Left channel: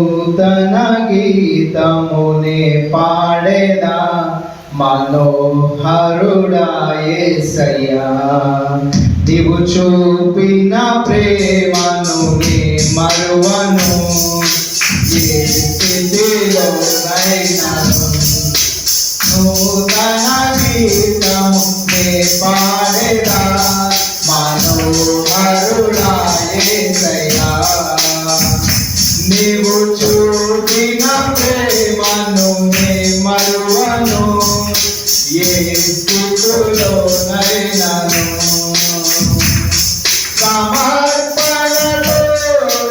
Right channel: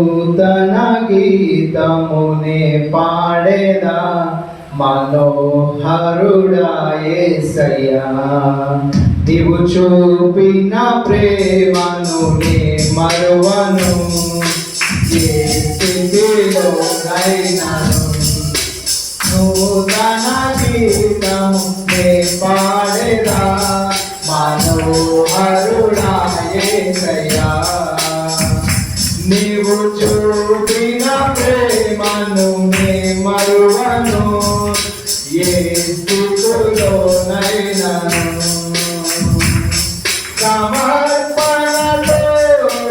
నూతన గీతమునే పాడేదా మనోహరుడాయేసయ్యా నీవు చూపిన ప్రేమను నే మరువను. నీవు చూపిన ప్రేమను నే మరువను ఏ స్థితిలో నైనను సమర్పణలో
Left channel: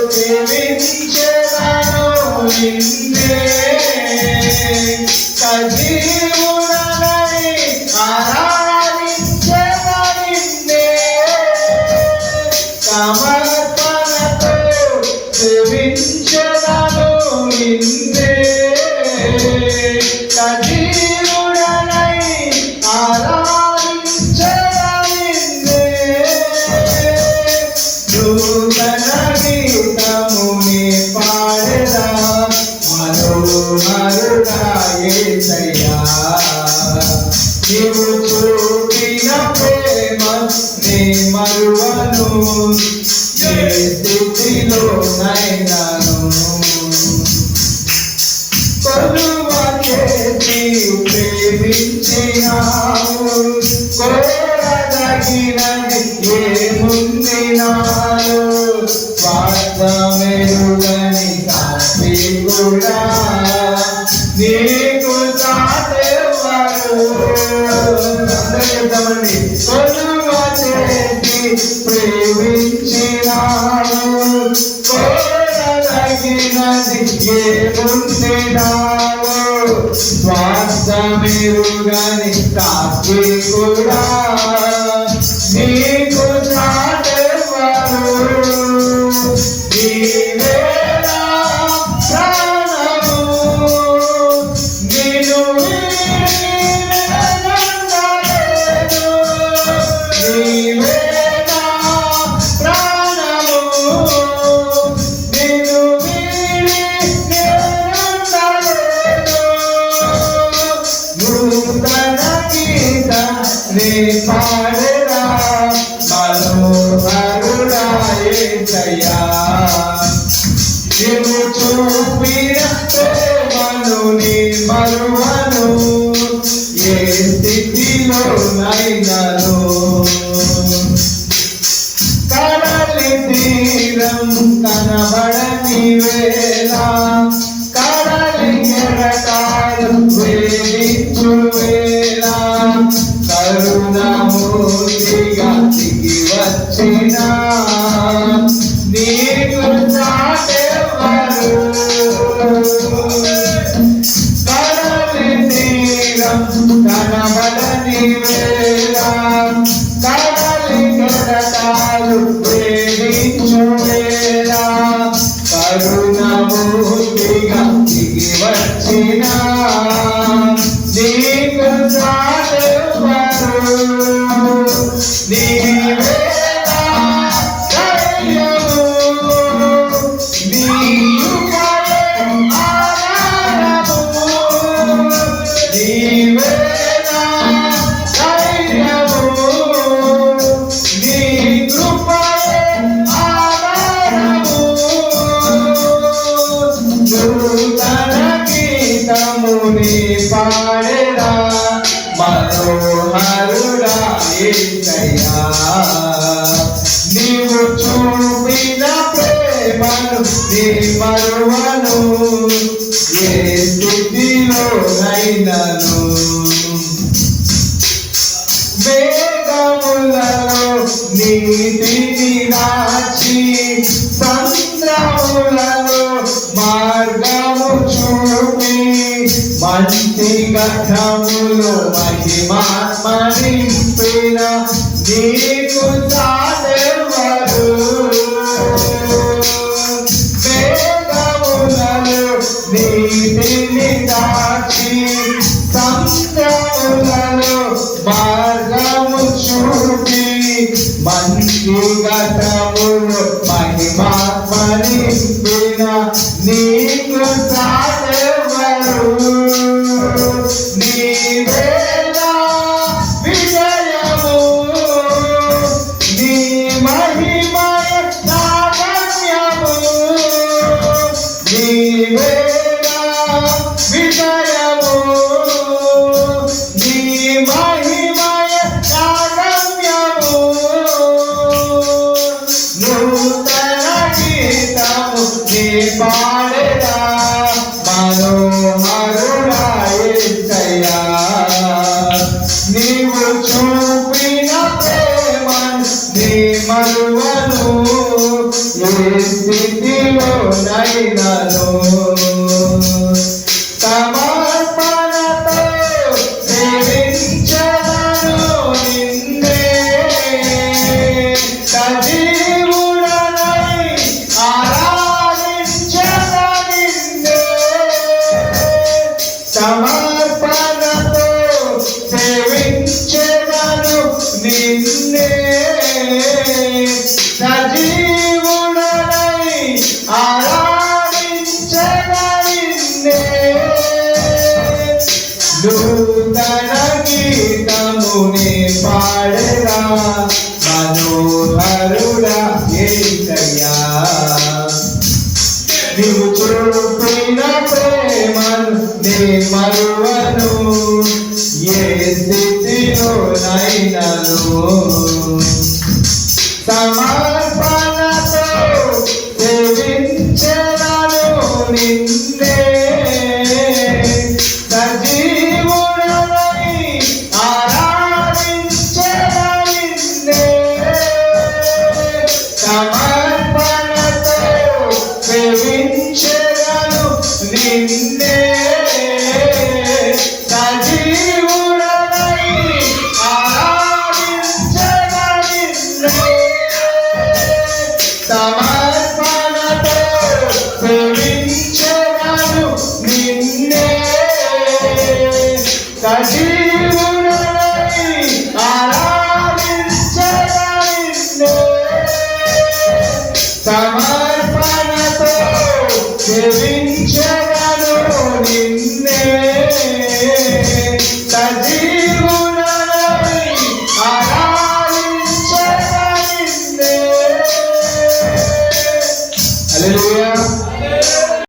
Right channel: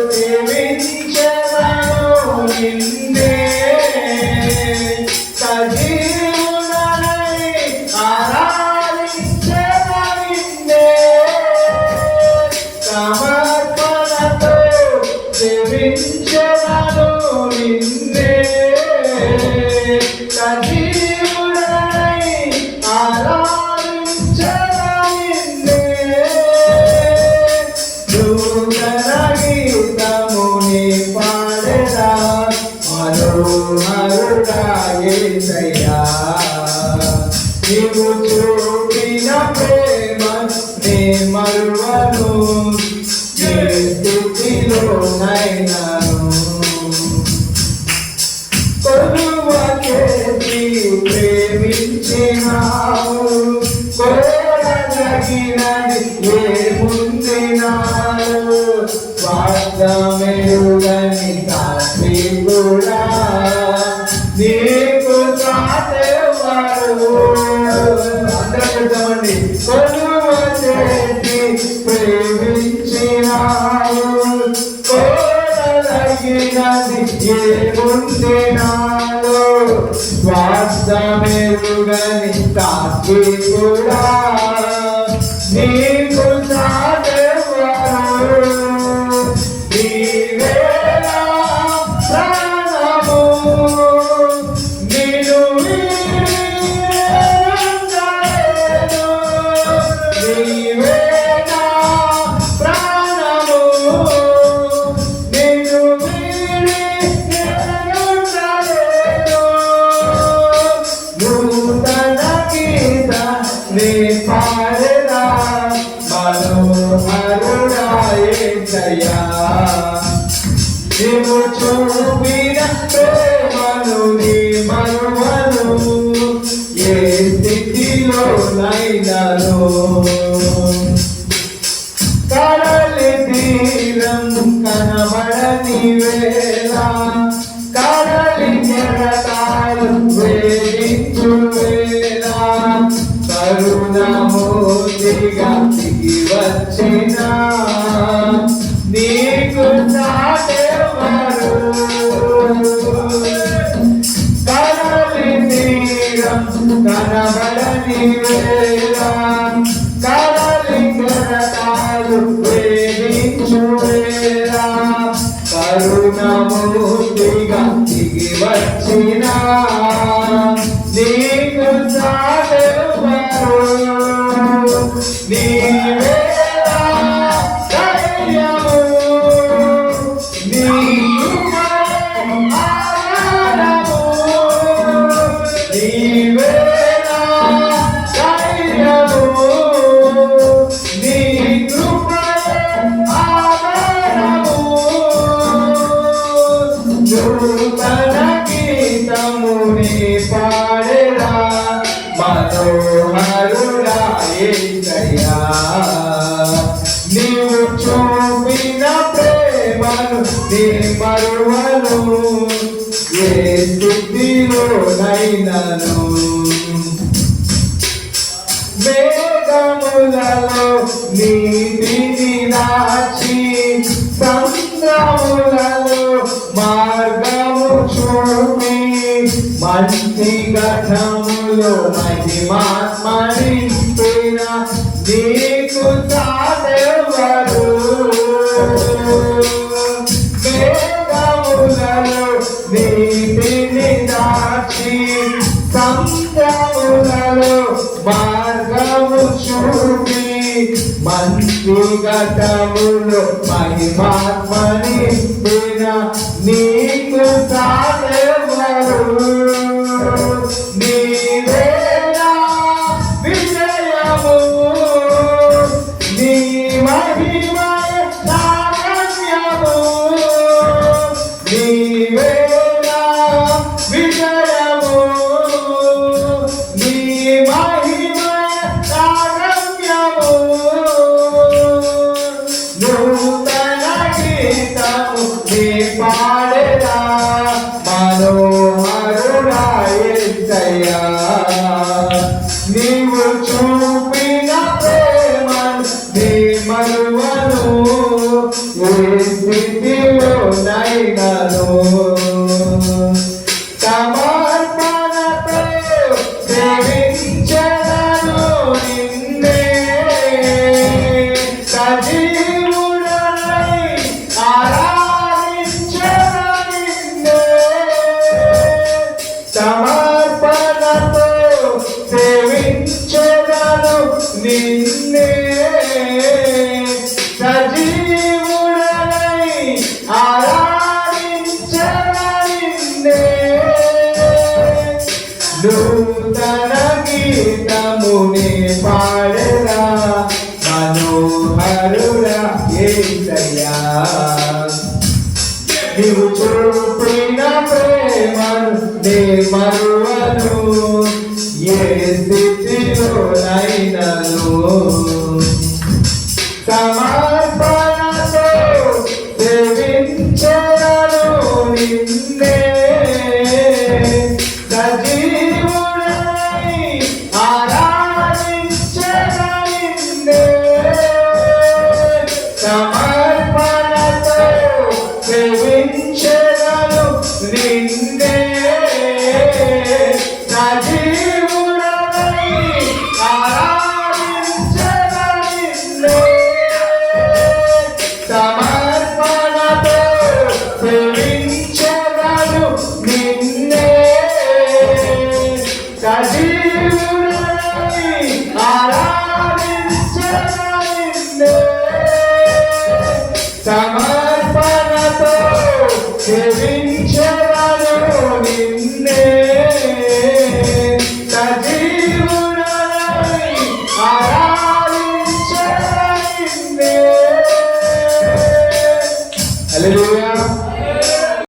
జీవించెదను నిన్నే. సజీవుడనై ఆరాధించెదను నిన్నే. సమర్పణతో జీవించ స్థితిలో నైనాను కొలువ చేసి ప్రేమించినావు కోరదగినది ఏముంది నాలో స్వార్థమేరుగని కాపి కూడా నీకు తాతెవరు కోరదగినది ఏముంది కాకి కూడా యేసయ్యా. నీవు చూపిన ప్రేమను నీ మరువను ఏ స్థితిలో నైనను కడలి తీరం కనబడని వేళ కడలి ఎరటాలు వేడించు వేళ కరుణమూర్తిగా దిగి వచ్చిన నీకు చాటెవరు? కడలి తీరం కనబడని వేళ కడలి కెరటాలు ప్రేమించు వేళ. కరుణమూర్తిగా దిగి వచ్చిన నీకు చాలెవరు నీవేనా మనోహరుడా నీవు చూపిన ప్రేమను నీ మరువను ఏ స్థితిలో నైనను మేఘములలో నీటిని దాచి సంద్రములలో మార్గము చూపి మంచి ఘటములో మహిమాత్మని నీకు తాదెవరు వేదములను నీతిని దాచి సంతములను మార్గము చూపి మంచి గతములు మహిమాత్మని నీకు తాదెవరు నూతన గీతముని పాడరా మనోహరుడా ఏసయ్యా నీవు చూపిన ప్రేమను నే మరువను ఏ స్థితిలో నైనను సమర్పణ entender.